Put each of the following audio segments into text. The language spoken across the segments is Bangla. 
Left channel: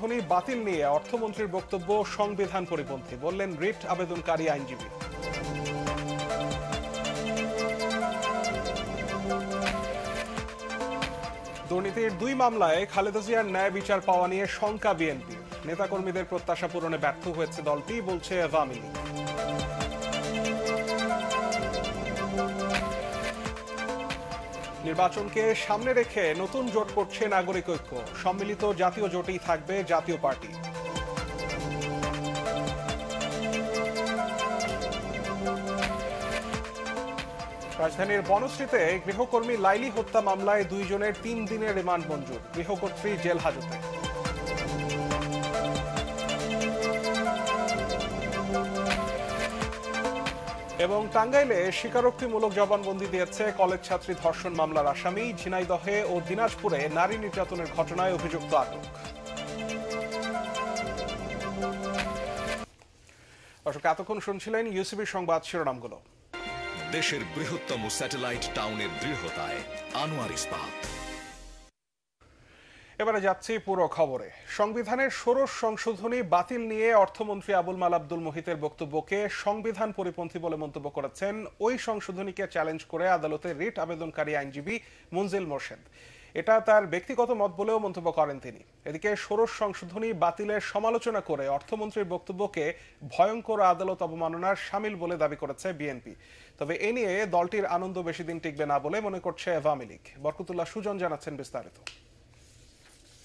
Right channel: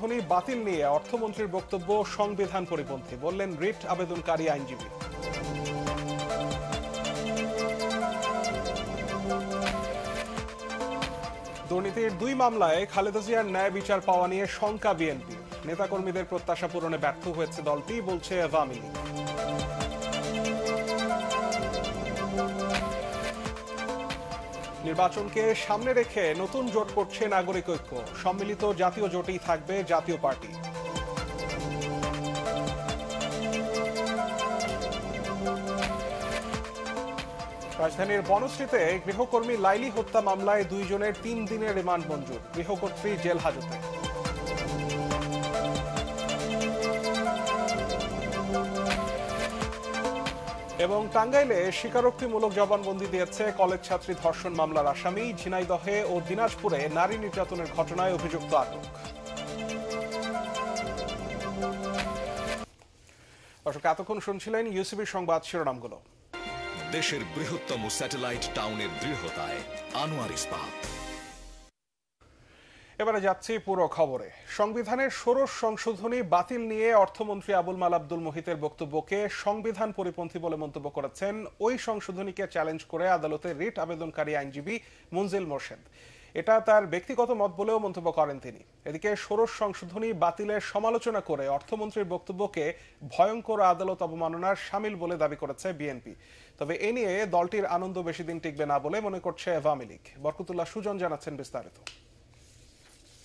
সংশোধনী বাতিল নিয়ে অর্থমন্ত্রীর বক্তব্য সংবিধান পরিপন্থী, বললেন রিট আবেদনকারী আইনজীবী। দুর্নীতির 2 মামলায় খালেদা জিয়ার ন্যায় বিচার পাওয়া নিয়ে শঙ্কা বিএনপি। নেতাকর্মীদের প্রত্যাশা পূরণে ব্যর্থ হয়েছে দলটি, বলছে আওয়ামী লীগ। নির্বাচনকে সামনে রেখে নতুন জোট করছে নাগরিক ঐক্য। সম্মিলিত জাতীয় জোটেই থাকবে জাতীয় পার্টি। রাজধানীর বনশ্রীতে গৃহকর্মী লাইলি হত্যা মামলায় 2 জনের 3 দিনের রিমান্ড মঞ্জুর। গৃহকর্ত্রী জেল হাজতে। এবং টাঙ্গাইলে স্বীকারোক্তিমূলক জবানবন্দি দিয়েছে কলেজ ছাত্রী ধর্ষণ মামলার আসামি। ঝিনাইদহে ও দিনাজপুরে নারী নির্যাতনের ঘটনায় অভিযুক্ত আটক। দর্শক, এতক্ষণ শুনছিলেন ইউসিবি সংবাদ শিরোনামগুলো। দেশের বৃহত্তম স্যাটেলাইট টাউনের দৃঢ়তায় আনোয়ার ইস্পাত। এবারে যাচ্ছি পুরো খবরে। সংবিধানের ষোড়শ সংশোধনী বাতিল নিয়ে অর্থমন্ত্রী আবুল মাল আব্দুল মুহিতের বক্তব্যকে সংবিধান পরিপন্থী বলে মন্তব্য করেছেন ওই সংশোধনীকে চ্যালেঞ্জ করে আদালতে রিট আবেদনকারী আইনজীবী মঞ্জিল মোর্শেদ। এটা তার ব্যক্তিগত মত বলেও মন্তব্য করেন তিনি। এদিকে ষোড়শ সংশোধনী বাতিলের সমালোচনা করে অর্থমন্ত্রীর বক্তব্যকে ভয়ঙ্কর আদালত অবমাননার শামিল বলে দাবি করেছে বিএনপি। তবে এ নিয়ে দলটির আনন্দ বেশি দিন টিকবে না বলে মনে করছে আওয়ামী লীগ। বরকতুল্লাহ সুজন জানাচ্ছেন বিস্তারিত।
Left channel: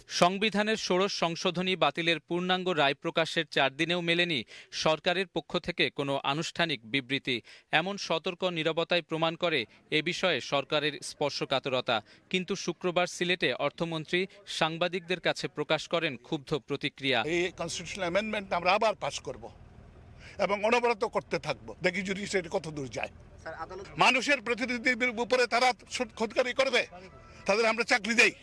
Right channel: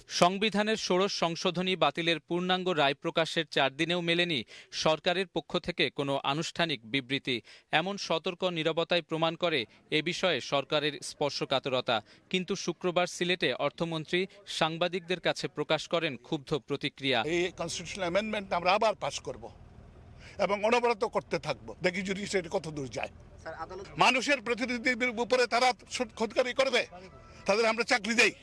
সংবিধানের ষোড়শ সংশোধনী বাতিলের পূর্ণাঙ্গ রায় প্রকাশের 4 দিনেও মেলেনি সরকারের পক্ষ থেকে কোনো আনুষ্ঠানিক বিবৃতি। এমন সতর্ক নীরবতায় প্রমাণ করে এ বিষয়ে সরকারের স্পর্শকাতরতা। কিন্তু শুক্রবার সিলেটে অর্থমন্ত্রী সাংবাদিকদের কাছে প্রকাশ করেন ক্ষুব্ধ প্রতিক্রিয়া। এই কনস্টিটিউশনাল অ্যামেন্ডমেন্ট আমরা আবার পাস করব এবং অনবরত করতে থাকবো, দেখি জুডিশিয়ারি কত দূর যায়। মানুষের প্রতিনিধিদের উপরে তারা খোদকারি করবে, তাদের আমরা চাকরি দেই।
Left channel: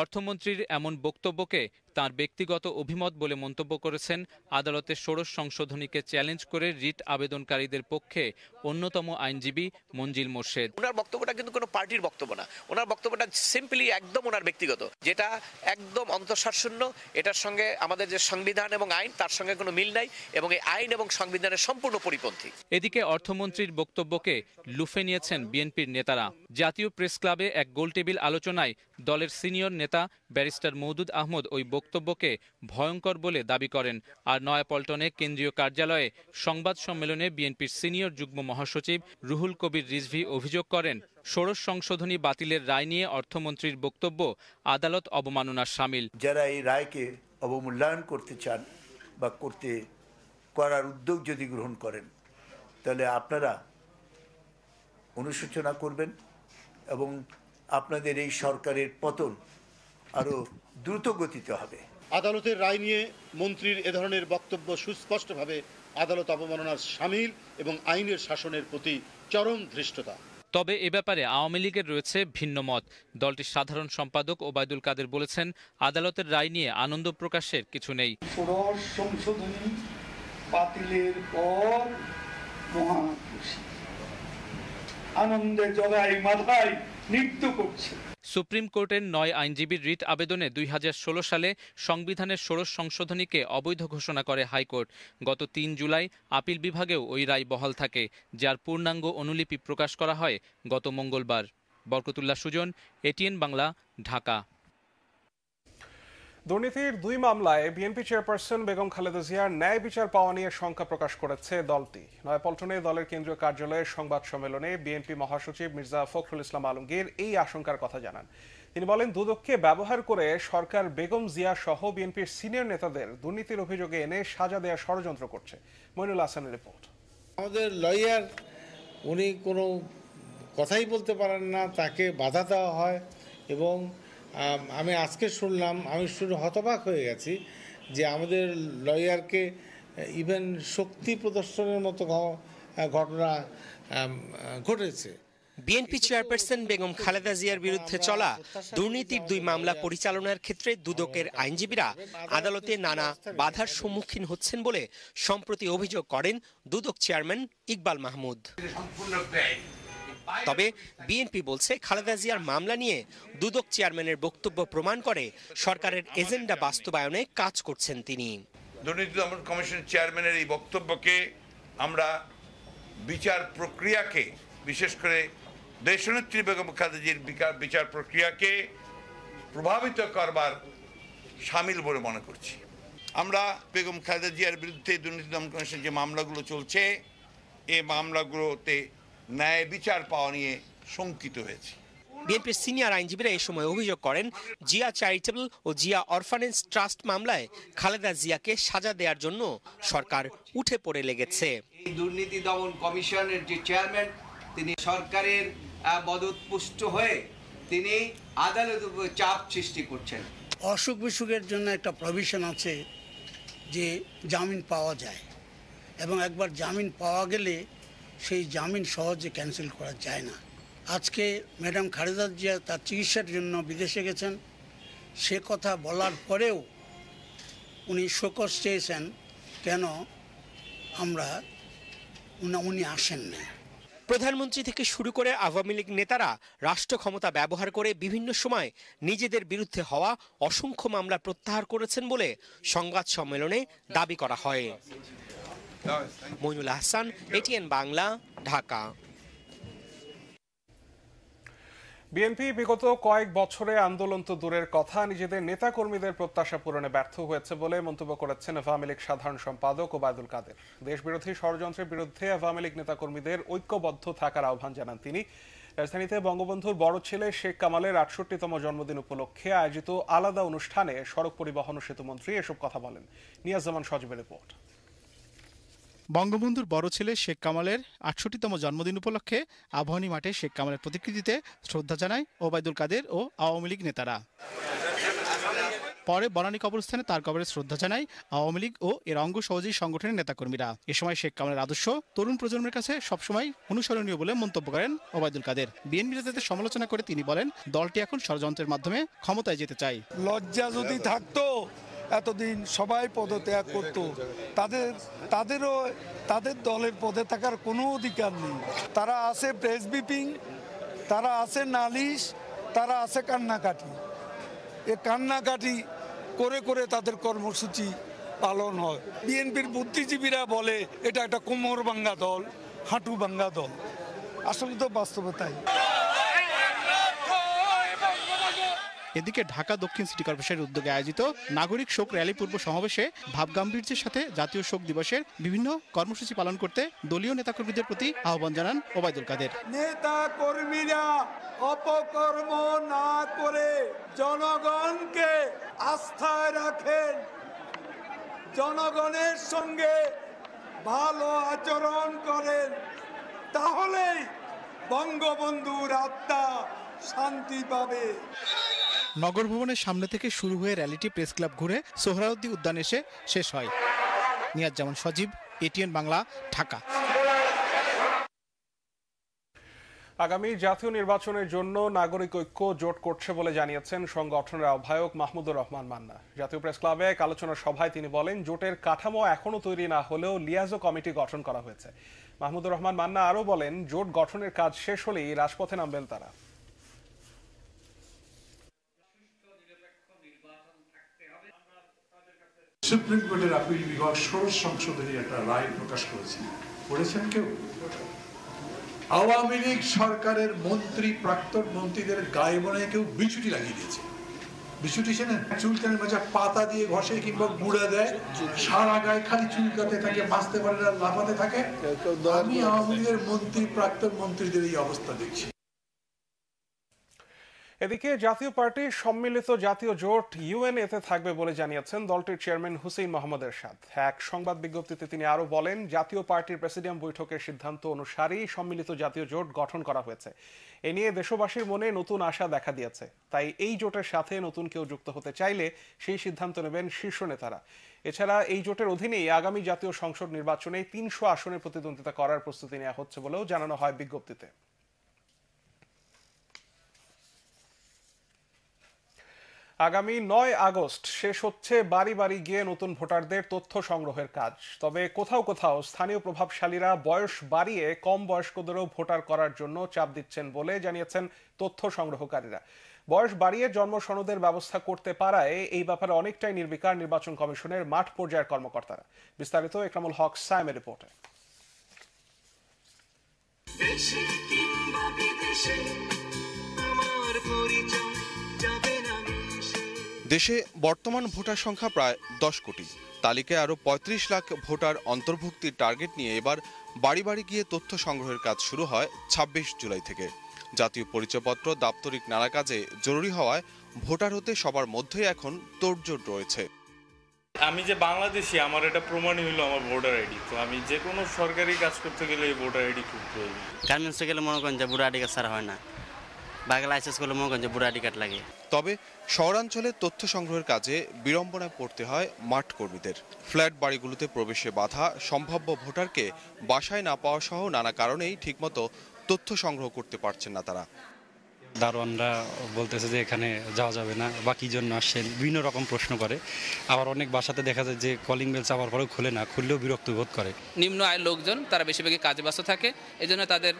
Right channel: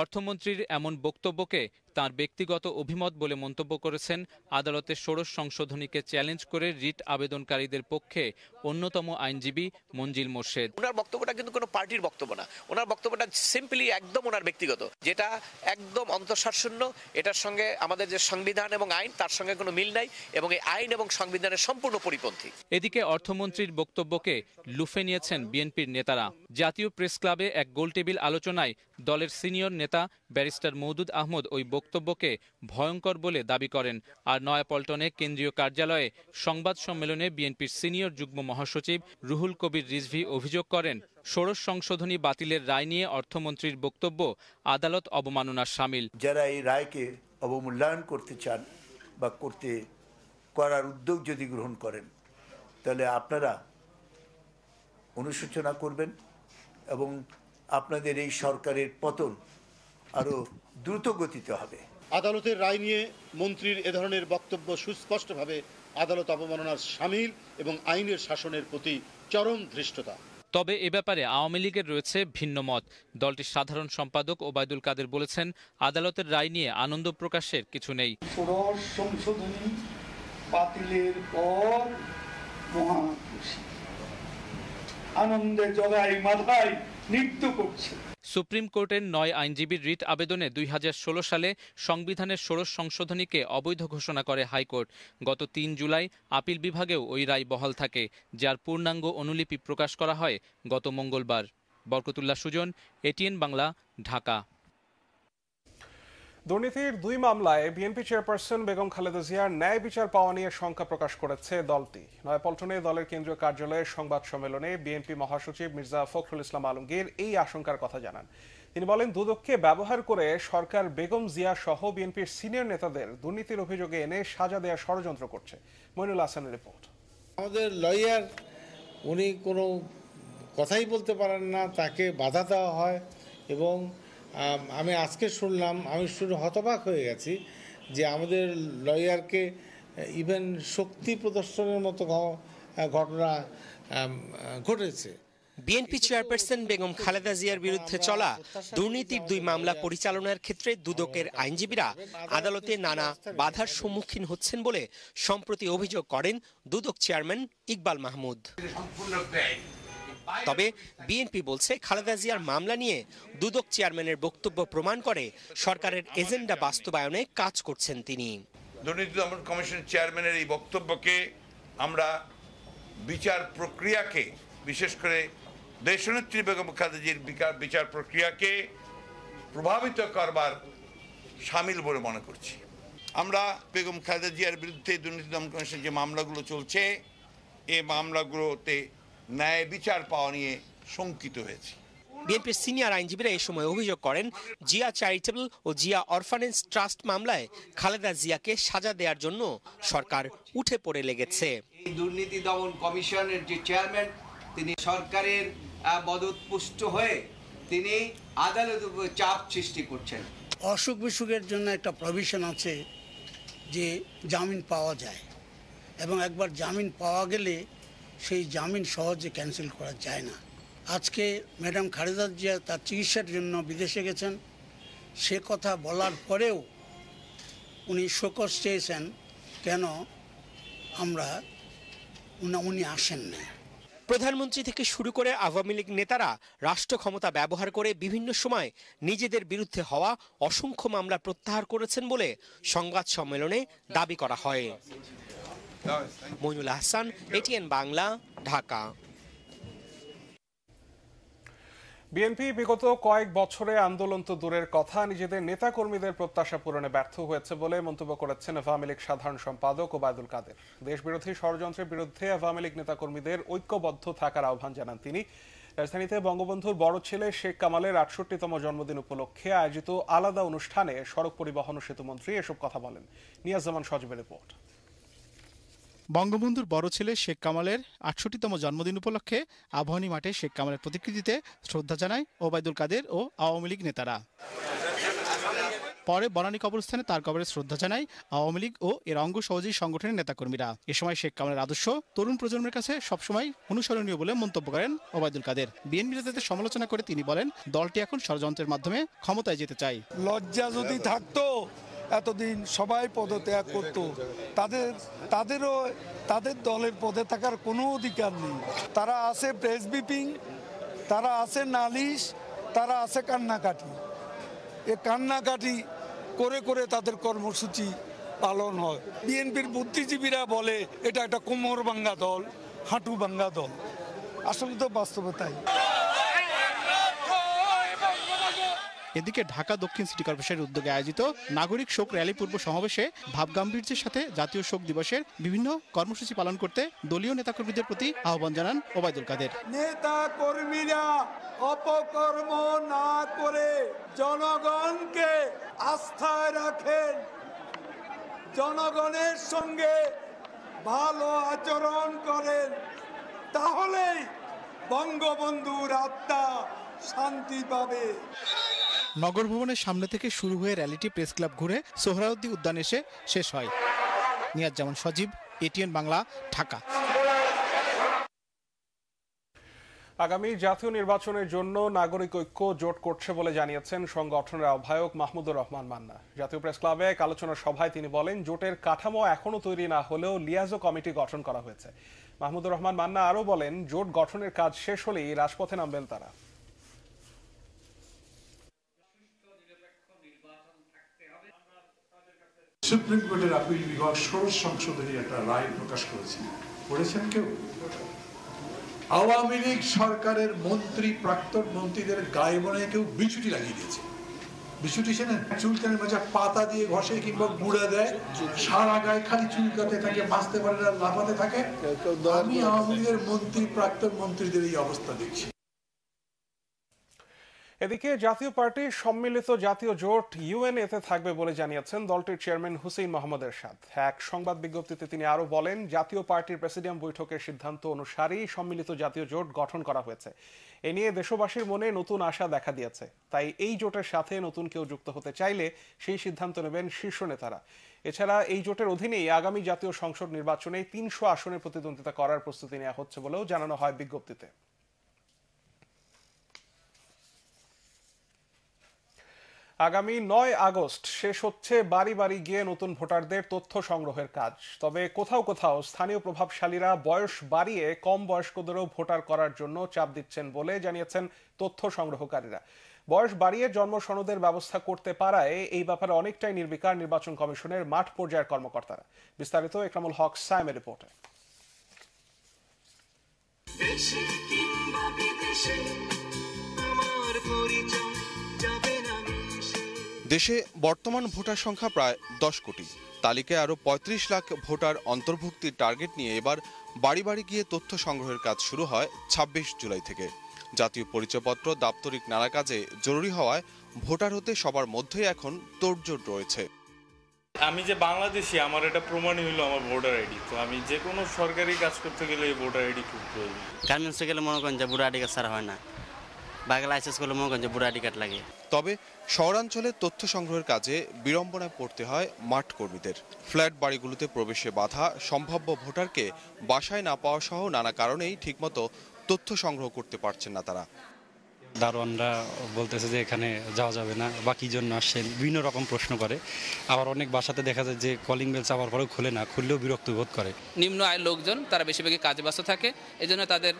অর্থমন্ত্রীর এমন বক্তব্যকে তার ব্যক্তিগত অভিমত বলে মন্তব্য করেছেন আদালতের ষোড়শ সংশোধনীকে চ্যালেঞ্জ করে রিট আবেদনকারীদের পক্ষে অন্যতম আইনজীবী মঞ্জিল মোর্শেদ। ওনার বক্তব্যটা কিন্তু কোনো পার্টির বক্তব্য না, ওনার বক্তব্যটা সিম্পলি একদম ওনার ব্যক্তিগত, যেটা একদম অন্তঃসারশূন্য। এটার সঙ্গে আমাদের যে সংবিধান এবং আইন, তার সঙ্গে কোনো মিল নাই এবং এই আইন এবং সংবিধানের সম্পূর্ণ পরিপন্থী। এদিকে অর্থমন্ত্রীর বক্তব্যকে লুফে নিয়েছেন বিএনপির নেতারা। জাতীয় প্রেস ক্লাবে এক গোলটেবিল আলোচনায় দলের সিনিয়র নেতা ব্যারিস্টার মওদুদ আহমদ ওই বক্তব্যকে ভয়ঙ্কর বলে দাবি করেন। আর নয়াপল্টনে কেন্দ্রীয় কার্যালয়ে সংবাদ সম্মেলনে বিএনপির সিনিয়র যুগ্ম মহাসচিব রুহুল কবির রিজভী অভিযোগ করেন ষোড়শ সংশোধনী বাতিলের রায় নিয়ে অর্থমন্ত্রীর বক্তব্য আদালত অবমাননার শামিল। যারা এই রায়কে অবমূল্যায়ন করতে চান বা করার উদ্যোগ যদি গ্রহণ করেন, তাহলে আপনারা অনুশোচনা করবেন এবং আপনাদের এই সরকারের পতন আরো দ্রুত গতিতে হবে। আদালতের রায় নিয়ে মন্ত্রীর এ ধরনের বক্তব্য সুস্পষ্টভাবে আদালত অবমাননার শামিল এবং আইনের শাসনের প্রতি চরম ধৃষ্টতা। তবে এ ব্যাপারে আওয়ামী লীগের রয়েছে ভিন্ন মত। দলটির সাধারণ সম্পাদক ওবায়দুল কাদের বলেছেন, আদালতের রায় নিয়ে আনন্দ প্রকাশের কিছু নেই। ষোড়শ সংশোধনী বাতিলের পর মহা খুশি, আনন্দে জগাই মাথায় নৃত্য করছে। সুপ্রিম কোর্টের 9 আইনজীবীর রিট আবেদনে 2016 সালে সংবিধানের ষোড়শ সংশোধনীকে অবৈধ ঘোষণা করে হাইকোর্ট। গত 3 জুলাই আপিল বিভাগেও ওই রায় বহাল থাকে, যার পূর্ণাঙ্গ অনুলিপি প্রকাশ করা হয় গত মঙ্গলবার। বরকতুল্লাহ সুজন, এটিএন বাংলা, ঢাকা। দুর্নীতির 2 মামলায় বিএনপি চেয়ারপারসন বেগম খালেদা জিয়ার ন্যায় বিচার পাওয়া নিয়ে শঙ্কা প্রকাশ করেছে দলটি। নয়াপল্টনে দলের কেন্দ্রীয় কার্যালয়ের সংবাদ সম্মেলনে বিএনপি মহাসচিব মির্জা ফখরুল ইসলাম আলমগীর এই আশঙ্কার কথা জানান। তিনি বলেন, দুদককে ব্যবহার করে সরকার বেগম জিয়া সহ বিএনপির সিনিয়র নেতাদের দুর্নীতির অভিযোগে এনে সাজা দেওয়ার ষড়যন্ত্র করছে। মইনুল হাসানের রিপোর্ট। আমাদের লয়ার উনি কোনো কথাই বলতে পারেন না, তাকে বাধা দেওয়া হয় এবং আমি আজকে শুনলাম, আমি শুনে হতবাক হয়ে গেছি যে আমাদের লয়ারকে ইভেন শক্তি প্রদর্শনের মতো ঘটনা ঘটেছে। বিএনপি চেয়ারপারসন বেগম খালেদা জিয়ার বিরুদ্ধে চলা দুর্নীতির 2 মামলা পরিচালনার ক্ষেত্রে দুদকের আইনজীবীরা আদালতে নানা বাধার সম্মুখীন হচ্ছেন বলে সম্প্রতি অভিযোগ করেন দুদক চেয়ারম্যান ইকবাল মাহমুদ। তবে বিএনপি বলছে খালেদা জিয়ার মামলা নিয়ে দুদক চেয়ারম্যানের বক্তব্য প্রমাণ করে সরকারের এজেন্ডা বাস্তবায়নে কাজ করছেন তিনি। দুর্নীতি দমন কমিশন চেয়ারম্যানের এই বক্তব্যকে আমরা বিচার প্রক্রিয়াকে, বিশেষ করে দেশনেত্রী বেগম খালেদা জিয়ার বিচার প্রক্রিয়াকে প্রভাবিত করবার শামিল বলে মনে করছি। আমরা বেগম খালেদা জিয়ার বিরুদ্ধে দুর্নীতি দমন কমিশনের যে মামলাগুলো চলছে, এই মামলাগুলোতে ন্যায় বিচার পাওয়া নিয়ে শঙ্কিত হয়েছে। বিএনপির সিনিয়র আইনজীবীরা এই সময় অভিযোগ করেন, জিয়া চ্যারিটেবল ও জিয়া অরফানেজ ট্রাস্ট মামলায় খালেদা জিয়াকে সাজা দেওয়ার জন্য সরকার উঠে পড়ে লেগেছে। দুর্নীতি দমন কমিশনের যে চেয়ারম্যান, তিনি সরকারের মদতপুষ্ট হয়ে তিনি আদালতের উপর চাপ সৃষ্টি করছেন। অসুখ বিসুখের জন্য একটা প্রভিশন আছে যে জামিন পাওয়া যায়, এবং একবার জামিন পাওয়া গেলে সেই জামিন সহজে ক্যান্সেল করা যায় না। আজকে ম্যাডাম খালেদা জিয়া তার চিকিৎসার জন্য বিদেশে গেছেন, সে কথা বলার পরেও উনি শোকজ চেয়েছেন কেন উনি আসেন না। প্রধানমন্ত্রী থেকে শুরু করে আওয়ামী লীগ নেতারা রাষ্ট্র ক্ষমতা ব্যবহার করে বিভিন্ন সময় নিজেদের বিরুদ্ধে হওয়া অসংখ্য মামলা প্রত্যাহার করেছেন বলে সংবাদ সম্মেলনে দাবি করা হয়। মইনুল আহসান, এটিএন বাংলা, ঢাকা। বিএনপি বিগত কয়েক বছরে আন্দোলন তো দূরের কথা, নিজেদের নেতাকর্মীদের প্রত্যাশা পূরণে ব্যর্থ হয়েছে বলে মন্তব্য করেছেন আওয়ামী লীগ সাধারণ সম্পাদক ওবায়দুল কাদের। দেশবিরোধী ষড়যন্ত্রের বিরুদ্ধে আওয়ামী লীগ নেতাকর্মীদের ঐক্যবদ্ধ থাকার আহ্বান জানান তিনি। রাজধানীতে বঙ্গবন্ধুর বড় ছেলে শেখ কামালের ৬৮তম জন্মদিন উপলক্ষে আয়োজিত আলাদা অনুষ্ঠানে সড়ক পরিবহন ও সেতুমন্ত্রী এসব কথা বলেন। নিয়াজ জামান সজীবের রিপোর্ট। বঙ্গবন্ধুর বড় ছেলে শেখ কামালের ৬৮তম জন্মদিন উপলক্ষে আবাহনী মাঠে শেখ কামালের প্রতিকৃতিতে শ্রদ্ধা জানায় ওবায়দুল কাদের ও আওয়ামী লীগ নেতারা। পরে বনানী কবরস্থানে তার কবরে শ্রদ্ধা জানায় আওয়ামী লীগ ও এর অঙ্গ সহযোগী সংগঠনের নেতাকর্মীরা। এ সময় শেখ কামালের আদর্শ তরুণ প্রজন্মের কাছে সবসময় অনুসরণীয় বলে মন্তব্য করেন ওবায়দুল কাদের। বিএনপি নেতাদের সমালোচনা করে তিনি বলেন, দলটি এখন ষড়যন্ত্রের মাধ্যমে ক্ষমতায় যেতে চায়। লজ্জা যদি থাকতো এতদিন সবাই পদত্যাগ করত, তাদেরও তাদের দলের পদে থাকার কোনো অধিকার নেই। তারা আছে প্রেস ব্রিফিং, তারা আছে নালিশ, তারা আছে কান্নাকাটি। এ কান্নাকাটি করে করে তাদের কর্মসূচি পালন হয়। বিএনপির বুদ্ধিজীবীরা বলে এটা একটা কোমর ভাঙ্গা দল, হাঁটু ভাঙ্গা দল। আসলে তো বাস্তবে তাই। এদিকে ঢাকা দক্ষিণ সিটি কর্পোরেশনের উদ্যোগে আয়োজিত নাগরিক শোক র্যালি পূর্ব সমাবেশে ভাবগাম্ভীর্যের সাথে জাতীয় শোক দিবসের বিভিন্ন কর্মসূচি পালন করতে দলীয় নেতাকর্মীদের প্রতি আহ্বান জানান ওবায়দুল কাদের। নেতা কর্মীরা অপকর্ম না করে জনগণকে আস্থায় রাখেন, জনগণের সঙ্গে ভালো আচরণ করেন, তাহলেই বঙ্গবন্ধুর আত্মা শান্তি পাবে। নগর ভবনের সামনে থেকে শুরু হয়ে র্যালিটি প্রেস ক্লাব ঘুরে সোহরাওয়ার্দী উদ্যান এসে শেষ হয়। নিয়াজ জামান সজীব, এটিএন বাংলা, ঢাকা। আগামী জাতীয় নির্বাচনের জন্য নাগরিক ঐক্য জোট করছে বলে জানিয়েছেন সংগঠনের আহ্বায়ক মাহমুদুর রহমান মান্না। জাতীয় প্রেস ক্লাবে এক আলোচনা সভায় তিনি বলেন, জোটের কাঠামো এখনো তৈরি না হলেও লিয়াজো কমিটি গঠন করা হয়েছে। মাহমুদুর রহমান মান্না আরও বলেন, জোট গঠনের কাজ শেষ হলেই রাজপথে নামবেন তারা। সুপ্রিম কোর্টের আপিল বিভাগ ১৬ সংশোধনী একটা রায় প্রকাশ করেছেন কেউ? আওয়ামী লীগ সরকারের মন্ত্রী, প্রাক্তন মন্ত্রীদের গায়ে মনে কেউ বিছুটি লাগিয়ে দিয়েছে। বিছুটি চেনেন? চুলকানের মাঝে পাতা দিয়ে ঘষে কিংবা গুঁড়া দেয়, সারা গায়ে খালি চুলকাতে থাকে, বাঁচতে পারে না, লাফাতে থাকে। আমি আওয়ামী লীগের মন্ত্রী, প্রাক্তন মন্ত্রীদের এই অবস্থা দেখছি। এদিকে জাতীয় পার্টির সম্মিলিত জাতীয় জোট ইউএনএতে থাকবে বলে জানিয়েছেন দলটির চেয়ারম্যান হুসেইন মোহাম্মদ এরশাদ। এক সংবাদ বিজ্ঞপ্তিতে তিনি আরও বলেন, জাতীয় পার্টির প্রেসিডিয়াম বৈঠকের সিদ্ধান্ত অনুসারেই সম্মিলিত জাতীয় জোট গঠন করা হয়েছে। এ নিয়ে দেশবাসীর মনে নতুন আশা দেখা দিয়েছে, তাই এই জোটের সাথে নতুন কেউ যুক্ত হতে চাইলে সেই সিদ্ধান্ত নেবেন শীর্ষ নেতারা। এছাড়া এই জোটের অধীনেই আগামী জাতীয় সংসদ নির্বাচনে ৩০০ আসনে প্রতিদ্বন্দ্বিতা করার প্রস্তুতি নেওয়া হচ্ছে বলেও জানানো হয় বিজ্ঞপ্তিতে। আগামী 9 আগস্ট শেষ হচ্ছে বাড়ি বাড়ি গিয়ে নতুন ভোটারদের তথ্য সংগ্রহের কাজ। তবে কোথাও কোথাও স্থানীয় প্রভাবশালীরা বয়স বাড়িয়ে কম বয়স্কদেরও ভোটার করার জন্য চাপ দিচ্ছেন বলে জানিয়েছেন তথ্য সংগ্রহকারীরা। বয়স বাড়িয়ে জন্ম সনদের ব্যবস্থা করতে পারায় এই ব্যাপারে অনেকটাই নির্বিকার নির্বাচন কমিশনের মাঠ পর্যায়ের কর্মকর্তারা। বিস্তারিত একরামুল হক সায়েমের রিপোর্টে। দেশে বর্তমান ভোটার সংখ্যা প্রায় 10 কোটি। তালিকায় আরো 35 লাখ ভোটার অন্তর্ভুক্তির টার্গেট নিয়ে এবার বাড়ি বাড়ি গিয়ে তথ্য সংগ্রহের কাজ শুরু হয় 26 জুলাই থেকে। জাতীয় পরিচয়পত্র দাপ্তরিক নানা কাজে জরুরি হওয়ায় ভোটার হতে সবার মধ্যেই এখন তোড়জোড় রয়েছে। আমি যে বাংলাদেশি, আমার এটা প্রমাণই হলো আমার ভোটার আইডি। তো আমি যে কোনো সরকারি কাজ করতে গেলে এই ভোটার আইডি খুব প্রয়োজন। গার্মেন্টসে গেলে মনে করেন যে ভোটার আইডি কার্ড ছাড়া হয় না, বাইক লাইসেন্স করলে মনে করেন যে ভোটার আইডি কার্ড লাগে। তবে শহরাঞ্চলে তথ্য সংগ্রহের কাজে বিড়ম্বনায় পড়তে হয় মাঠ কর্মীদের। ফ্ল্যাট বাড়িগুলোতে প্রবেশে বাধা, সম্ভাব্য ভোটারকে বাসায় না পাওয়া সহ নানা কারণেই ঠিকমতো তথ্য সংগ্রহ করতে পারছেন না তারা। দারোয়ানরা বলতেছে যে এখানে যাওয়া যাবে না বা কি জন্য আসছেন, বিভিন্ন রকম প্রশ্ন করে। আবার অনেক বাসাতে দেখা যায় যে কলিং বেল চাপার পরেও খুলে না, খুললেও বিরক্ত বোধ করে। নিম্ন আয়ের লোকজন তারা বেশিরভাগই কাজে ব্যস্ত থাকে, এজন্য তাদের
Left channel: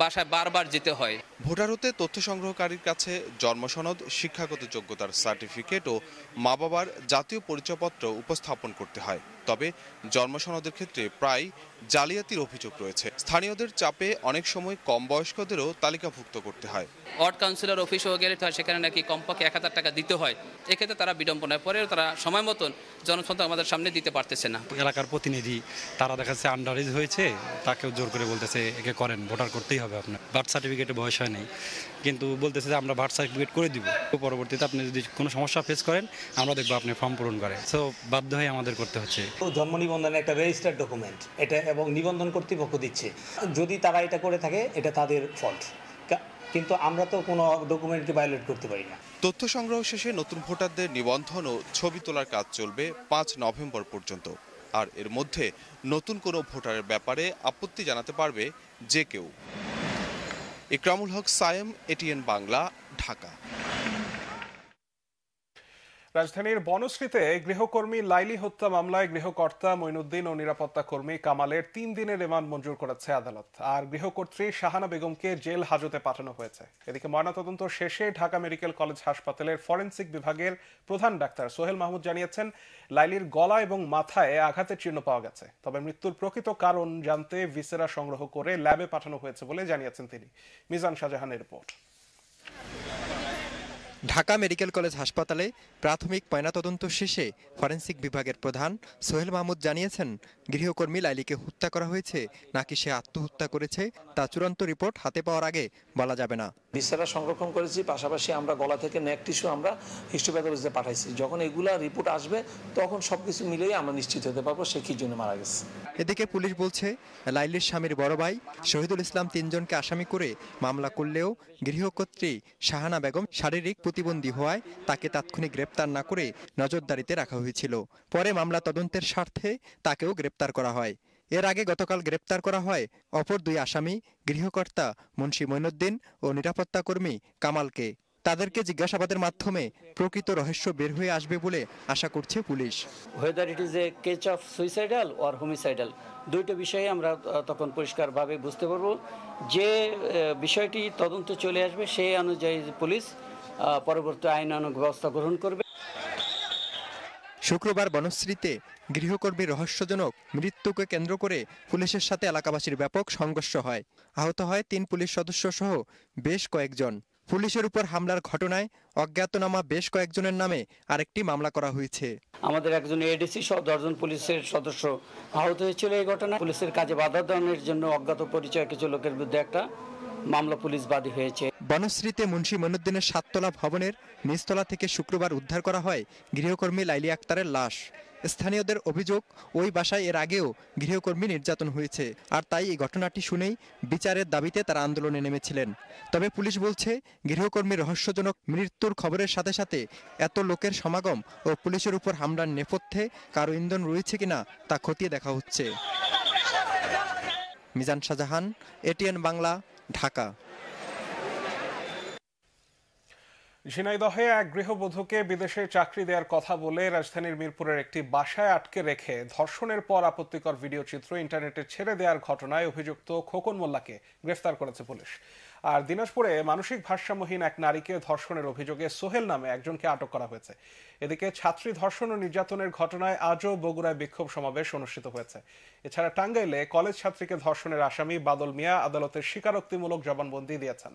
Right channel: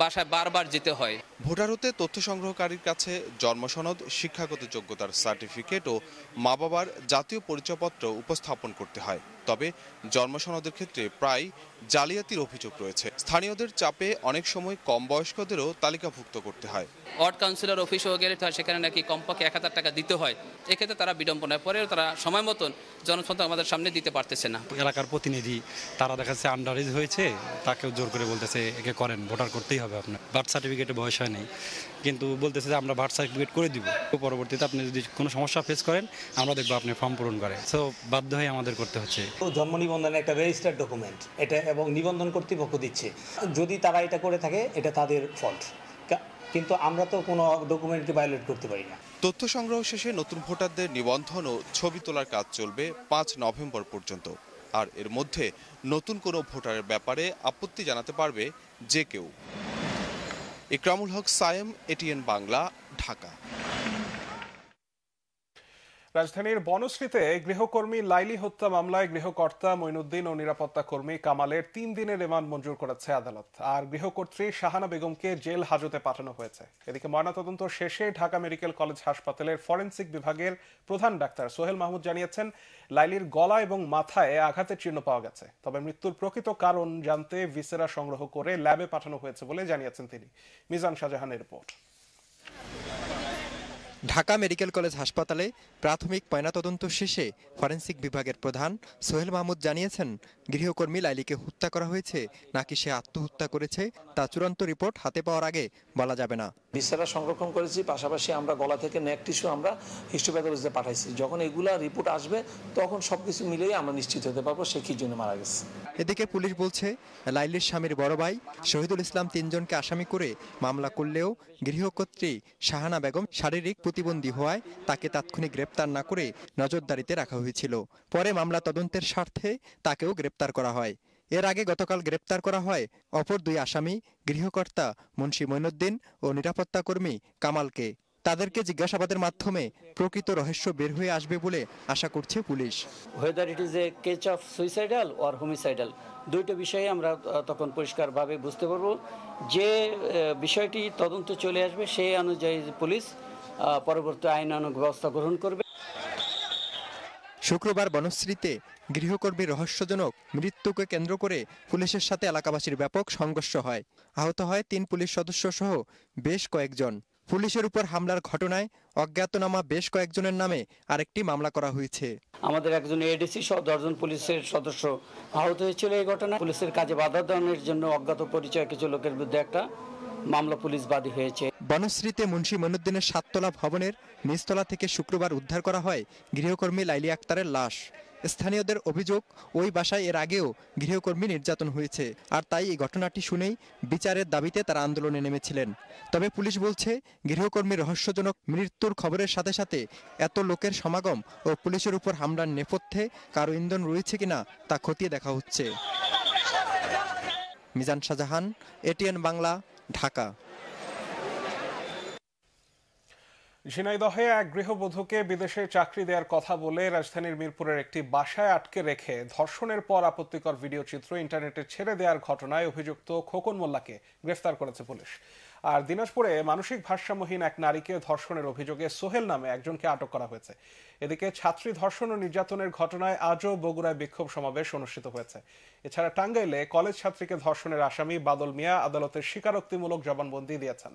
বাসায় বারবার যেতে হয়। ভোটার হতে তথ্য সংগ্রহকারীর কাছে জন্ম সনদ, শিক্ষাগত যোগ্যতার সার্টিফিকেট ও মা বাবার জাতীয় পরিচয়পত্র উপস্থাপন করতে হয়। তবে জন্ম সনদের ক্ষেত্রে প্রায় জালিয়াতির অভিযোগ রয়েছে। স্থানীয়দের চাপে অনেক সময় কম বয়স্কদেরও তালিকাভুক্ত করতে হয়। ওয়ার্ড কাউন্সিলর অফিসও গেলে সেখানে নাকি কমপক্ষে 1000 টাকা দিতে হয়। এক্ষেত্রে তারা বিড়ম্বনায় পরেও তারা সময় মতন জনসংখ্যা আমাদের সামনে দিতে পারতেছে না। এলাকার প্রতিনিধি তারা দেখা যাচ্ছে আন্ডার এজ হয়েছে, তাকেও জোর করে বলতেছে একে করেন, ভোটার করতেই হবে আপনার। বার্থ সার্টিফিকেটে বয়স হয় নাই, কিন্তু বলতেছে যে আমরা বার্থ সার্টিফিকেট করে দিব, পরবর্তীতে আপনি যদি কোনো সমস্যা ফেস করেন আমরা দেখবো আপনি ফর্ম পূরণ করেন। সো বাধ্য হয়ে আমাদের করতে হচ্ছে। জন্ম নিবন্ধন একটা রেজিস্টার্ড ডকুমেন্ট, এটা এবং নিবন্ধন কর্তৃপক্ষ দিচ্ছে। যদি তারা এটা করে থাকে এটা তাদের ফল্ট, কিন্তু আমরা তো কোনো ডকুমেন্টকে ভায়োলেট করতে পারি না। তথ্য সংগ্রহ শেষে নতুন ভোটারদের নিবন্ধন ও ছবি তোলার কাজ চলবে 5 নভেম্বর পর্যন্ত। আর এর মধ্যে নতুন কোনো ভোটারের ব্যাপারে আপত্তি জানাতে পারবে যে কেউ। একরামুল হক সায়েম, এটিএন বাংলা, ঢাকা। রাজধানীর বনশ্রীতে গৃহকর্মী লাইলি হত্যা মামলায় গৃহকর্তা মঈনুদ্দিন ও নিরাপত্তা কর্মী কামালের 3 দিনের রিমান্ড মঞ্জুর করেছে আদালত। আর গৃহকর্ত্রী শাহানা বেগমকে জেল হাজতে পাঠানো হয়েছে। এদিকে ময়নাতদন্ত শেষে ঢাকা মেডিকেল কলেজ হাসপাতালের ফরেনসিক বিভাগের প্রধান ডাক্তার সোহেল মাহমুদ জানিয়েছেন, লাইলির গলা এবং মাথায় আঘাতের চিহ্ন পাওয়া গেছে। তবে মৃত্যুর প্রকৃত কারণ জানতে ভিসেরা সংগ্রহ করে ল্যাবে পাঠানো হয়েছে বলে জানিয়েছেন তিনি। মিজান শাহজাহানের রিপোর্ট। ঢাকা মেডিকেল কলেজ হাসপাতালে প্রাথমিক ময়নাতদন্ত শেষে ফরেনসিক বিভাগের প্রধান সোহেল মাহমুদ জানিয়েছেন, গৃহকর্মী লাইলিকে হত্যা করা হয়েছে নাকি সে আত্মহত্যা করেছে তা চূড়ান্ত রিপোর্ট হাতে পাওয়ার আগে বলা যাবে না। ভিসেরা সংরক্ষণ করেছি, পাশাপাশি আমরা গলা থেকে নেক টিস্যু আমরা হিস্টোপ্যাথোলজিতে পাঠাইছি। যখন এগুলা রিপোর্ট আসবে তখন সবকিছু মিলিয়ে আমরা নিশ্চিত হতে পারবো সে কি জন্য মারা গেছে। এদিকে পুলিশ বলছে, লাইলির স্বামীর বড় ভাই শহীদুল ইসলাম 3 জনকে আসামি করে মামলা করলেও গৃহকর্ত্রী শাহানা বেগম শারীরিক প্রতিবন্ধী হওয়ায় তাকে তাৎক্ষণিক গ্রেপ্তার না করে নজরদারিতে রাখা হয়েছিল। পরে মামলা তদন্তের স্বার্থে তাকেও গ্রেপ্তার করা হয়। এর আগে গতকাল গ্রেপ্তার করা হয় অপর 2 আসামি, গৃহকর্তা মুন্সি মঈনুদ্দিন ও নিরাপত্তা কর্মী কামালকে। তাদেরকে জিজ্ঞাসাবাদের মাধ্যমে প্রকৃত রহস্য বের হয়ে আসবে বলে আশা করছে police. whether it is a case of suicidal or homicidal, দুইটা বিষয়ে আমরা তখন পরিষ্কারভাবে বুঝতে পারবো। যে বিষয়টি তদন্ত চলে আসবে সেই অনুযায়ী পুলিশ পরবর্তী আইনানুগ ব্যবস্থা গ্রহণ করবে। শুক্রবার বনশ্রীতে গৃহকর্মীর রহস্যজনক মৃত্যুকে কেন্দ্র করে পুলিশের সাথে এলাকাবাসীর ব্যাপক সংঘর্ষ হয়। আহত হয় 3 পুলিশ সদস্য সহ বেশ কয়েকজন। পুলিশের উপর হামলার ঘটনায় অজ্ঞাতনামা বেশ কয়েকজনের নামে আরেকটি মামলা করা হয়েছে। আমাদের একজন এডিসি সহ 10 জন পুলিশের সদস্য আহত হয়েছিল এই ঘটনায়। পুলিশের কাজে বাধা দানের জন্য অজ্ঞাত পরিচয় কিছু লোকের বিরুদ্ধে একটা মামলা পুলিশ বাদী হয়েছে। বনশ্রীতে মুন্সি মঈনুদ্দিনের 7তলা ভবনের নিচতলা থেকে শুক্রবার উদ্ধার করা হয় গৃহকর্মী লাইলি আক্তারের লাশ। স্থানীয়দের অভিযোগ, ওই বাসায় এর আগেও গৃহকর্মী নির্যাতন হয়েছে, আর তাই এই ঘটনাটি শুনেই বিচারের দাবিতে তারা আন্দোলনে নেমেছিলেন। তবে পুলিশ বলছে, গৃহকর্মীর রহস্যজনক মৃত্যুর খবরের সাথে সাথে এত লোকের সমাগম ও পুলিশের উপর হামলার নেপথ্যে কারো ইন্ধন রয়েছে কিনা তা খতিয়ে দেখা হচ্ছে। মিজান শাহজাহান, এটিএন বাংলা, ঢাকা। ঝিনাইদহে এক গৃহবধূকে বিদেশে চাকরি দেওয়ার কথা বলে রাজধানীর মিরপুরের একটি বাসায় আটকে রেখে ধর্ষণের পর আপত্তিকর ভিডিও চিত্র ইন্টারনেটে ছেড়ে দেওয়ার ঘটনায় অভিযুক্ত খোকন মোল্লাকে গ্রেফতার করেছে পুলিশ। আর দিনাজপুরে মানসিক ভারসাম্যহীন এক নারীকে ধর্ষণের অভিযোগে সোহেল নামে একজনকে আটক করা হয়েছে। এদিকে ছাত্রী ধর্ষণ ও নির্যাতনের ঘটনায় আজও বগুড়ায় বিক্ষোভ সমাবেশ অনুষ্ঠিত হয়েছে। এছাড়া টাঙ্গাইলে কলেজ ছাত্রীকে ধর্ষণের আসামি বাদল মিয়া আদালতের স্বীকারোক্তিমূলক জবানবন্দি দিয়েছেন।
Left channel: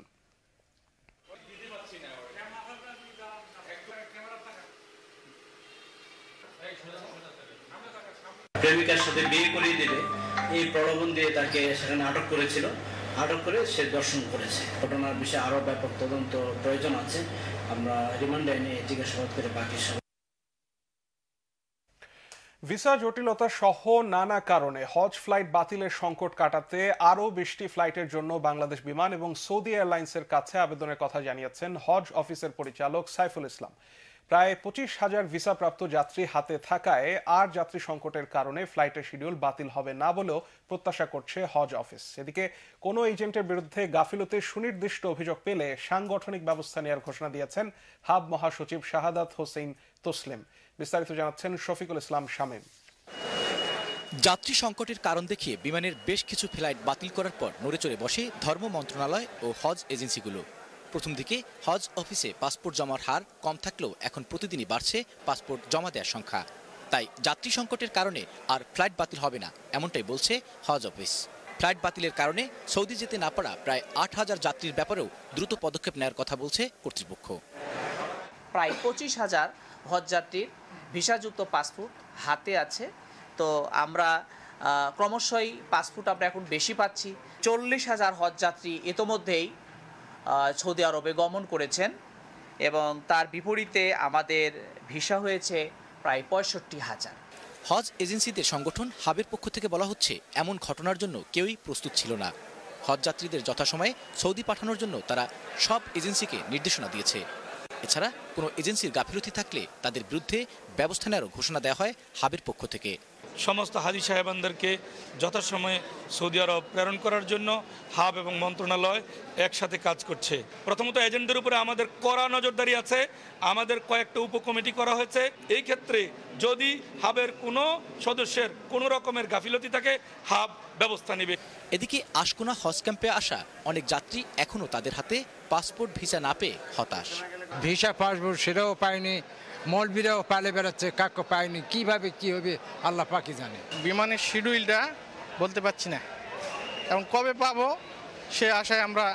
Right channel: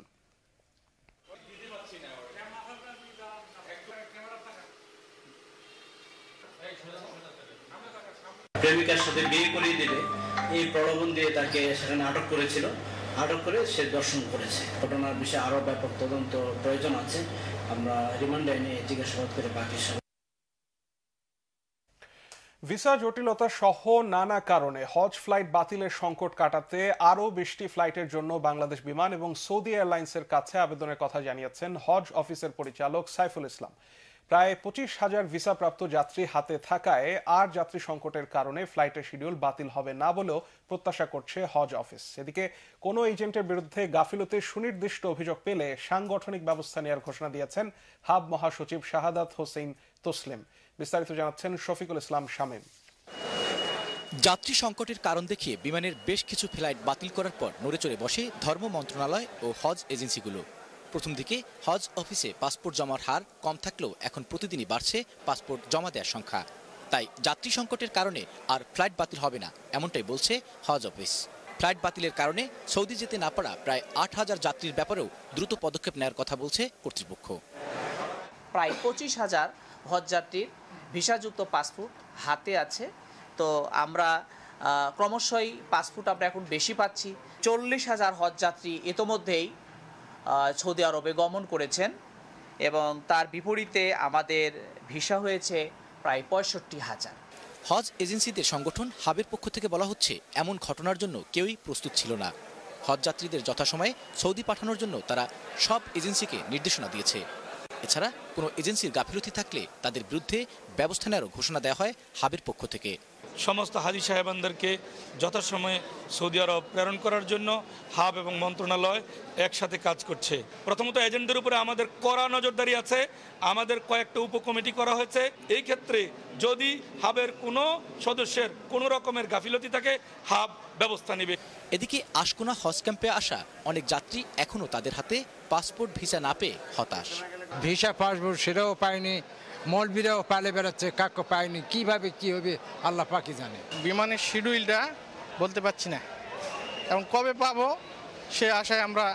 প্রেমিকার সাথে বিয়ে করিয়ে দিলে এই প্রলোভন দিয়ে তাকে সেখানে আটক করেছিল। আটক করে সে দর্শন করেছে। ঘটনার বিষয়ে আরো ব্যাপক তদন্ত প্রয়োজন আছে। আমরা রিমান্ডে নিয়ে জিজ্ঞাসাবাদ করে বাকি সব। ভিসা জটিলতা সহ নানা কারণে হজ ফ্লাইট বাতিলের সংকট কাটাতে আরও 20টি ফ্লাইটের জন্য বাংলাদেশ বিমান এবং সৌদি এয়ারলাইন্সের কাছে আবেদনের কথা জানিয়েছেন হজ অফিসের পরিচালক সাইফুল ইসলাম। প্রায় 25,000 ভিসাপ্রাপ্ত যাত্রী হাতে থাকায় আর যাত্রী সংকটের কারণে ফ্লাইটের শিডিউল বাতিল হবে না বলেও প্রত্যাশা করছে হজ অফিস। এদিকে কোনো এজেন্টের বিরুদ্ধে গাফিলতির সুনির্দিষ্ট অভিযোগ পেলে সাংগঠনিক ব্যবস্থা নেওয়ার ঘোষণা দিয়েছেন হাব মহাসচিব শাহাদাত হোসেন তসলিম। বিস্তারিত জানাচ্ছেন শফিকুল ইসলাম শামীম। যাত্রী সংকটের কারণ দেখিয়ে বিমানের বেশ কিছু ফ্লাইট বাতিল করার পর নড়েচড়ে বসে ধর্ম মন্ত্রণালয় ও হজ এজেন্সিগুলো। প্রথম দিকে হজ অফিসে পাসপোর্ট জমার হার কম থাকলেও এখন প্রতিদিনই বাড়ছে পাসপোর্ট জমা দেওয়ার সংখ্যা। তাই যাত্রী সংকটের কারণে আর ফ্লাইট বাতিল হবে না, এমনটাই বলছে হজ অফিস। ফ্লাইট বাতিলের কারণে সৌদি যেতে না পারা প্রায় 8,000 যাত্রীর ব্যাপারেও দ্রুত পদক্ষেপ নেওয়ার কথা বলছে কর্তৃপক্ষ। প্রায় 25,000 হজ যাত্রীর ভিসাযুক্ত পাসপোর্ট হাতে আছে। তো আমরা ক্রমশই পাসপোর্ট আমরা এখন বেশি পাচ্ছি। 40,000 হজ যাত্রী ইতোমধ্যেই সৌদি আরবে গমন করেছেন এবং তার বিপরীতে আমাদের ভিসা হয়েছে প্রায় 65,000। হজ এজেন্সিদের সংগঠন হাবের পক্ষ থেকে বলা হচ্ছে এমন ঘটনার জন্য কেউই প্রস্তুত ছিল না। হজ যাত্রীদের যথাসময়ে সৌদি পাঠানোর জন্য তারা সব এজেন্সিকে নির্দেশনা দিয়েছে। এছাড়া কোনো এজেন্সির গাফিলতি থাকলে তাদের বিরুদ্ধে ব্যবস্থা নেওয়ার ঘোষণা দেওয়া হয় হাবের পক্ষ থেকে। সমস্ত হাজি সাহেবানদেরকে যথাসময়ে সৌদি আরব প্রেরণ করার জন্য হাব এবং মন্ত্রণালয় একসাথে কাজ করছে। প্রথমত এজেন্টদের উপরে আমাদের কড়া নজরদারি আছে। আমাদের কয়েকটা উপকমিটি করা হয়েছে। এই ক্ষেত্রে যদি হাবের কোনো সদস্যের কোনো রকমের গাফিলতি থাকে হাব ব্যবস্থা নেবে। এদিকে আশকোনা হজ ক্যাম্পে আসা অনেক যাত্রী এখনো তাদের হাতে পাসপোর্ট ভিসা না পেয়ে হতাশ। ভিসা পাসপোর্ট সেটাও পায়নি, মলবিরাও পালে বেড়াচ্ছে, কাকও পায়নি। কিভাবে কি হবে আল্লাহ পাকি জানে। বিমানের শিডিউলটা বলতে পারছি না, এখন কবে পাবো সে আশায় আমরা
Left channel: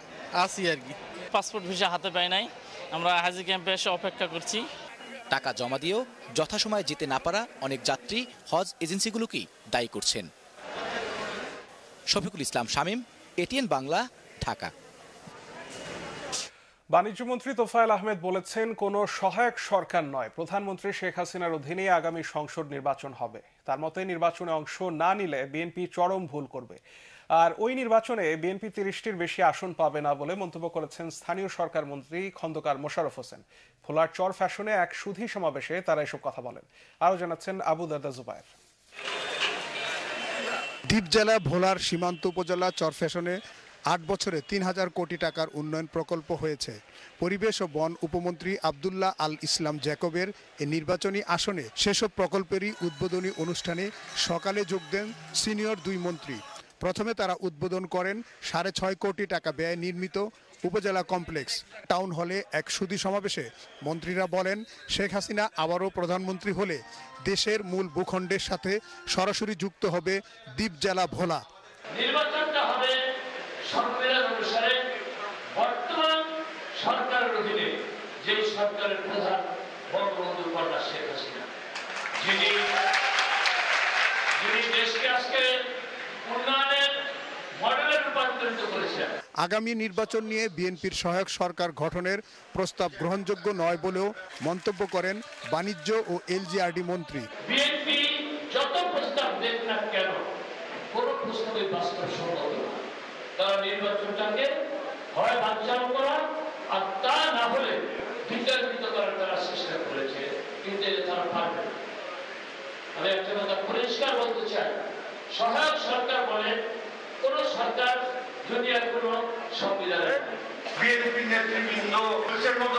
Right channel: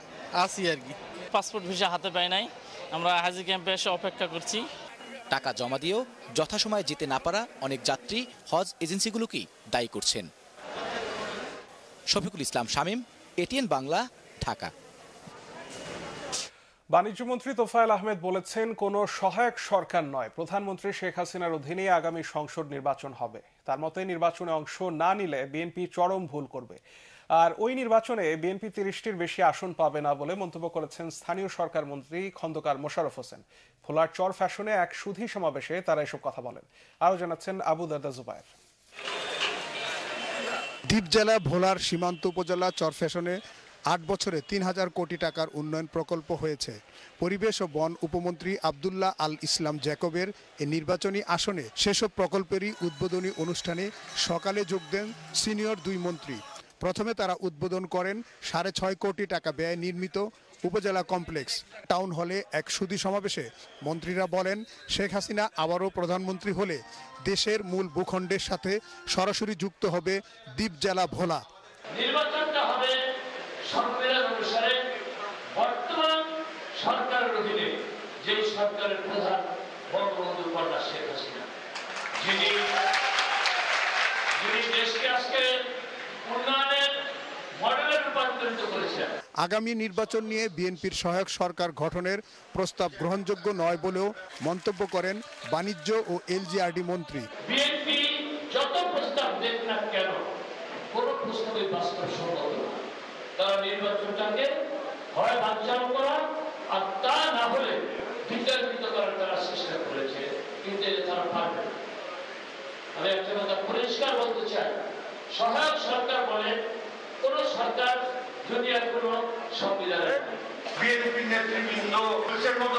আছি আর কি। পাসপোর্ট ভিসা হাতে পাই নাই, আমরা হাজি ক্যাম্পে এসে অপেক্ষা করছি। টাকা জমা দিয়েও যথাসময়ে যেতে না পারা অনেক যাত্রী হজ এজেন্সিগুলোকেই দায়ী করছেন। শফিকুল ইসলাম শামীম, এটিএন বাংলা, ঢাকা। বাণিজ্যমন্ত্রী তোফায়েল আহমেদ বলেছেন, কোনো সহায়ক সরকার নয়, প্রধানমন্ত্রী শেখ হাসিনার অধীনে আগামী সংসদ নির্বাচন হবে। তার মতে নির্বাচনে অংশ না নিলে বিএনপি চরম ভুল করবে। আর ওই নির্বাচনে বিএনপি 30টির বেশি আসন পাবে না বলে মন্তব্য করেছেন স্থানীয় সরকার মন্ত্রী খন্দকার মোশাররফ হোসেন। ভোলার চর ফ্যাশনে এক সুধী সমাবেশে তারা এসব কথা বলেন। আরো জানাচ্ছেন আবু দাদা জুবায়ের। দ্বীপ জেলা ভোলার সীমান্ত উপজেলা চর ফ্যাশনে 8 বছরে 3,000 কোটি টাকার উন্নয়ন প্রকল্প হয়েছে। পরিবেশ ও বন উপমন্ত্রী আব্দুল্লাহ আল ইসলাম জ্যাকবের এই নির্বাচনী আসনে সেসব প্রকল্পেরই উদ্বোধনী অনুষ্ঠানে সকালে যোগ দেন সিনিয়র 2 মন্ত্রী। প্রথমে তারা উদ্বোধন করেন 6.5 কোটি টাকা ব্যয়ে নির্মিত উপজেলা কমপ্লেক্স। টাউন হলে এক সুধী সমাবেশে মন্ত্রীরা বলেন, শেখ হাসিনা আবারও প্রধানমন্ত্রী হলে দেশের মূল ভূখণ্ডের সাথে সরাসরি যুক্ত হবে দ্বীপ জেলা ভোলা। নির্বাচনটা হবে সংবিধান অনুসারে বর্তমান সরকারের অধীনে যে সরকারের প্রধান বঙ্গবন্ধু কন্যা শেখ হাসিনা, যিনি দেশকে আজকে উন্নয়নের মডেলে রূপান্তরিত করেছেন। আগামী নির্বাচন নিয়ে বিএনপির সহায়ক সরকার গঠনের প্রস্তাব গ্রহণযোগ্য নয় বলেও মন্তব্য করেন বাণিজ্য ও এলজিআরডি মন্ত্রী। বিএনপি যত প্রস্তাব দেন না কেন, কোন প্রস্তাবে বাস্তবসম্মত না। তারা নির্বাচনটাকে হয় বানচাল করা আর তা না হলে বিতাড়িত করার তারা চেষ্টা করেছে, কিন্তু তারা পারবে না। আমি একটা কথা পরিষ্কার বলতে চাই, সহায়ক সরকার বলে কোন সরকার দুনিয়ার কোনো সংবিধানে বিএনপি নেতৃবৃন্দ দেশের মতো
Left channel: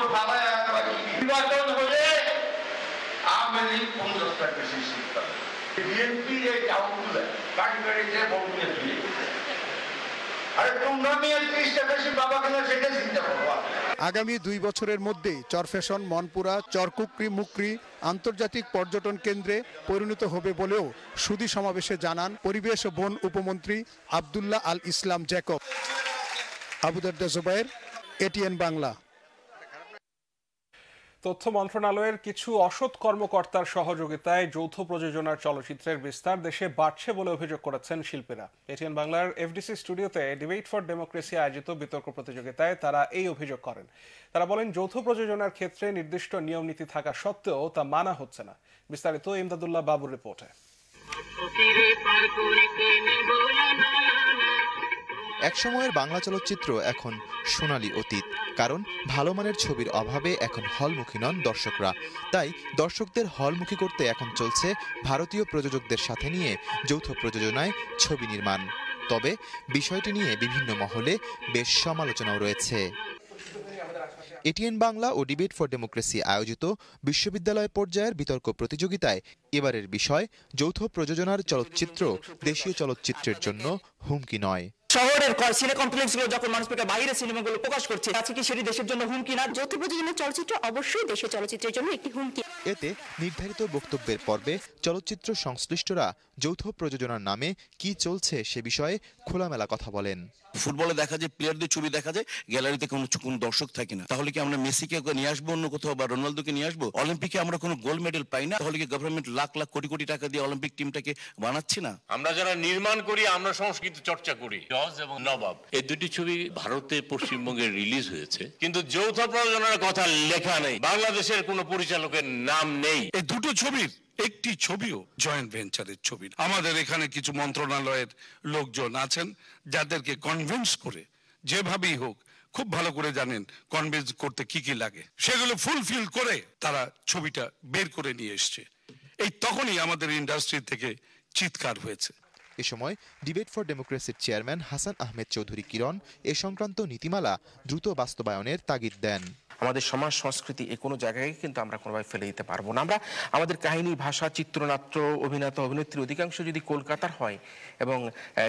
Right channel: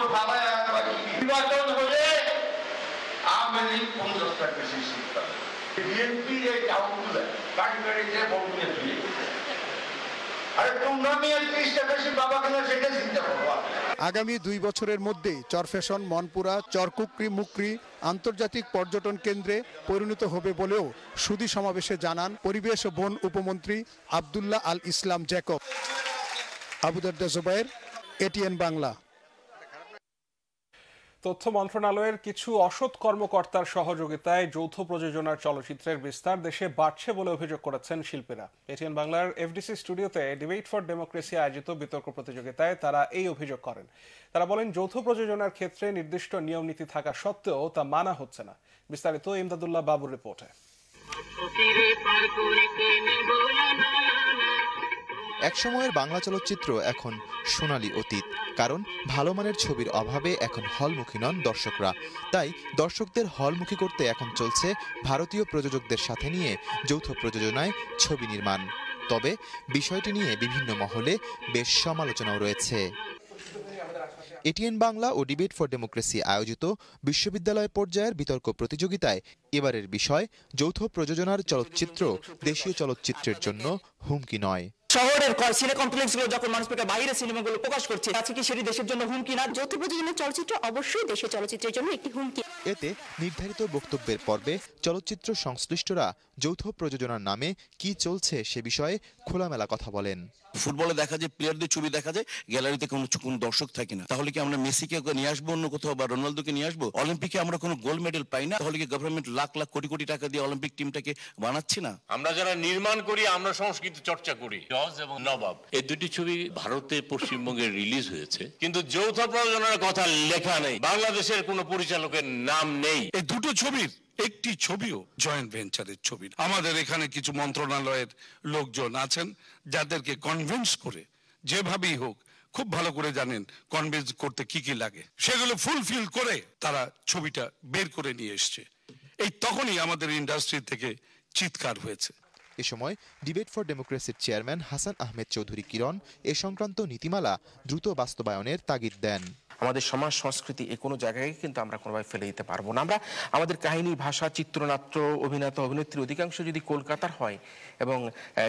নির্বাচন হলে আওয়ামী লীগ 50টা বেশি সিট পাবে। বিএনপি যে চাউলগুলো বাড়ি বাড়িতে বলতে দিয়ে আরে তোমরা নিয়ে 30টা বেশি বাবা কিনা সেটা চিন্তা করবো। আগামী 2 বছরের মধ্যে চরফ্যাশন মনপুরা চরকুকরি মুকরি আন্তর্জাতিক পর্যটন কেন্দ্রে পরিণত হবে বলেও সুধী সমাবেশে জানান পরিবেশ ও বন উপমন্ত্রী আব্দুল্লাহ আল ইসলাম জ্যাকব। আবু দারদা জুবায়ের, এটিএন বাংলা। তথ্য মন্ত্রণালয়ের কিছু অসৎ কর্মকর্তার সহযোগিতায় যৌথ প্রযোজনার চলচ্চিত্রের বিস্তার দেশে বাড়ছে বলে অভিযোগ করেছেন শিল্পীরা। এটিএন বাংলার এফডিসি স্টুডিওতে ডিবেট ফর ডেমোক্রেসি আয়োজিত বিতর্ক প্রতিযোগিতায় তারা এই অভিযোগ করেন। তারা বলেন, যৌথ প্রযোজনার ক্ষেত্রে নির্দিষ্ট নিয়ম নীতি থাকা সত্ত্বেও তা মানা হচ্ছে না। বিস্তারিত ইমদাদুল্লাহ বাবুর রিপোর্টে। একসময়ের বাংলা চলচ্চিত্র এখন সোনালী অতীত, কারণ ভালো মানের ছবির অভাবে এখন হলমুখী নন দর্শকরা। তাই দর্শকদের হলমুখী করতে এখন চলছে ভারতীয় প্রযোজকদের সাথে নিয়ে যৌথ প্রযোজনায় ছবি নির্মাণ। তবে বিষয়টি নিয়ে বিভিন্ন মহলে বেশ সমালোচনাও রয়েছে। এটিএন বাংলা ও ডিবেট ফর ডেমোক্রেসি আয়োজিত বিশ্ববিদ্যালয় পর্যায়ের বিতর্ক প্রতিযোগিতায় এবারের বিষয় যৌথ প্রযোজনার চলচ্চিত্র দেশীয় চলচ্চিত্রের জন্য হুমকি নয়। শহরের সিনে কমপ্লেক্স গুলো যখন মানুষ বাইরে সিনেমাগুলো প্রকাশ করছে, আছে কি সেটি দেশের জন্য হুমকি না? যৌথ প্রযোজনার চলচ্চিত্র অবশ্যই দেশীয় চলচ্চিত্রের জন্য একটি হুমকি। এতে নির্ধারিত বক্তব্যের পর্বে চলচ্চিত্র সংশ্লিষ্টরা যৌথ প্রযোজনার নামে কি চলছে সে বিষয়ে খোলামেলা কথা বলেন। ফুটবলে দেখা যায় প্লেয়ারদের ছবি দেখা যায়, গ্যালারিতে কোনো দর্শক থাকে না। তাহলে কি আমরা মেসিকে নিয়ে আসবো অন্য কোথাও, বা রোনালদোকে নিয়ে আসবো? অলিম্পিকে আমরা কোনো গোল্ড মেডেল পাই না, তাহলে কি গভর্নমেন্ট লাখ লাখ কোটি কোটি টাকা দিয়ে অলিম্পিক টিমটাকে বানাচ্ছে না? আমরা যারা নির্মাণ করি আমরা সংস্কৃতি চর্চা করি। জজ এবং নবাব এই দুটি ছবি ভারতে পশ্চিমবঙ্গে রিলিজ হয়েছে, কিন্তু যৌথ প্রযোজনার কথা লেখা নেই, বাংলাদেশের কোনো পরিচালকের নাম নেই। এই দুটো ছবির একটি ছবিও জয়েন্ট ভেঞ্চারের ছবি। আমাদের এখানে কিছু মন্ত্রণালয়ের লোকজন আছেন যাদেরকে কনভিন্স করে যেভাবেই হোক, খুব ভালো করে জানেন কনভিন্স করতে কি কি লাগে, সেগুলো ফুলফিল করে তারা ছবিটা বের করে নিয়ে এসছে। এই তখনই আমাদের ইন্ডাস্ট্রি থেকে চিৎকার হয়েছে। এ সময় ডিবেট ফর ডেমোক্রেসির চেয়ারম্যান হাসান আহমেদ চৌধুরী কিরণ এ সংক্রান্ত নীতিমালা দ্রুত বাস্তবায়নের তাগিদ দেন। আমাদের সমাজ সংস্কৃতি এই কোনো জায়গায় কিন্তু আমরা কোনোভাবে ফেলে দিতে পারবো না। আমরা আমাদের কাহিনী, ভাষা, চিত্রনাট্য, অভিনেতা অভিনেত্রী অধিকাংশ যদি কলকাতার হয় এবং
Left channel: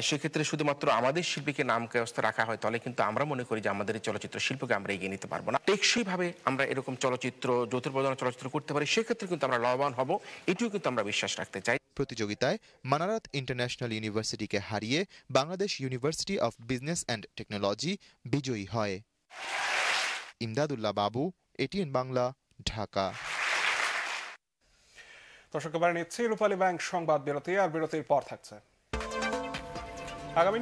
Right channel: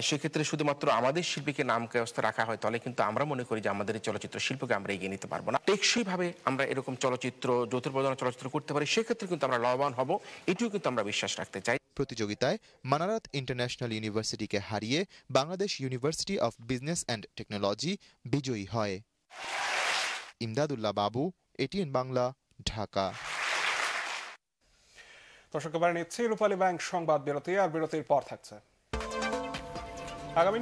সেক্ষেত্রে শুধুমাত্র আমাদের শিল্পীকে নাম ব্যবস্থা রাখা হয়, তাহলে কিন্তু আমরা মনে করি যে আমাদের এই চলচ্চিত্র শিল্পকে আমরা এগিয়ে নিতে পারবো না। টেকসই ভাবে আমরা এরকম চলচ্চিত্র, যৌথ প্রযোজনা চলচ্চিত্র করতে পারি, সেক্ষেত্রে কিন্তু আমরা লাভবান হব, এটিও কিন্তু আমরা বিশ্বাস রাখতে চাই। প্রতিযোগিতায় মানারাত ইন্টারন্যাশনাল ইউনিভার্সিটিকে হারিয়ে Bangladesh university of business and technology বিজয়ী হয়। ইমদাদুল্লাহ বাবু, এটিএন বাংলা, ঢাকা। দর্শক, এবার নিচ্ছি রূপালী ব্যাংক সংবাদ বিরতি, আর বিরতির পর থাকছে আগামী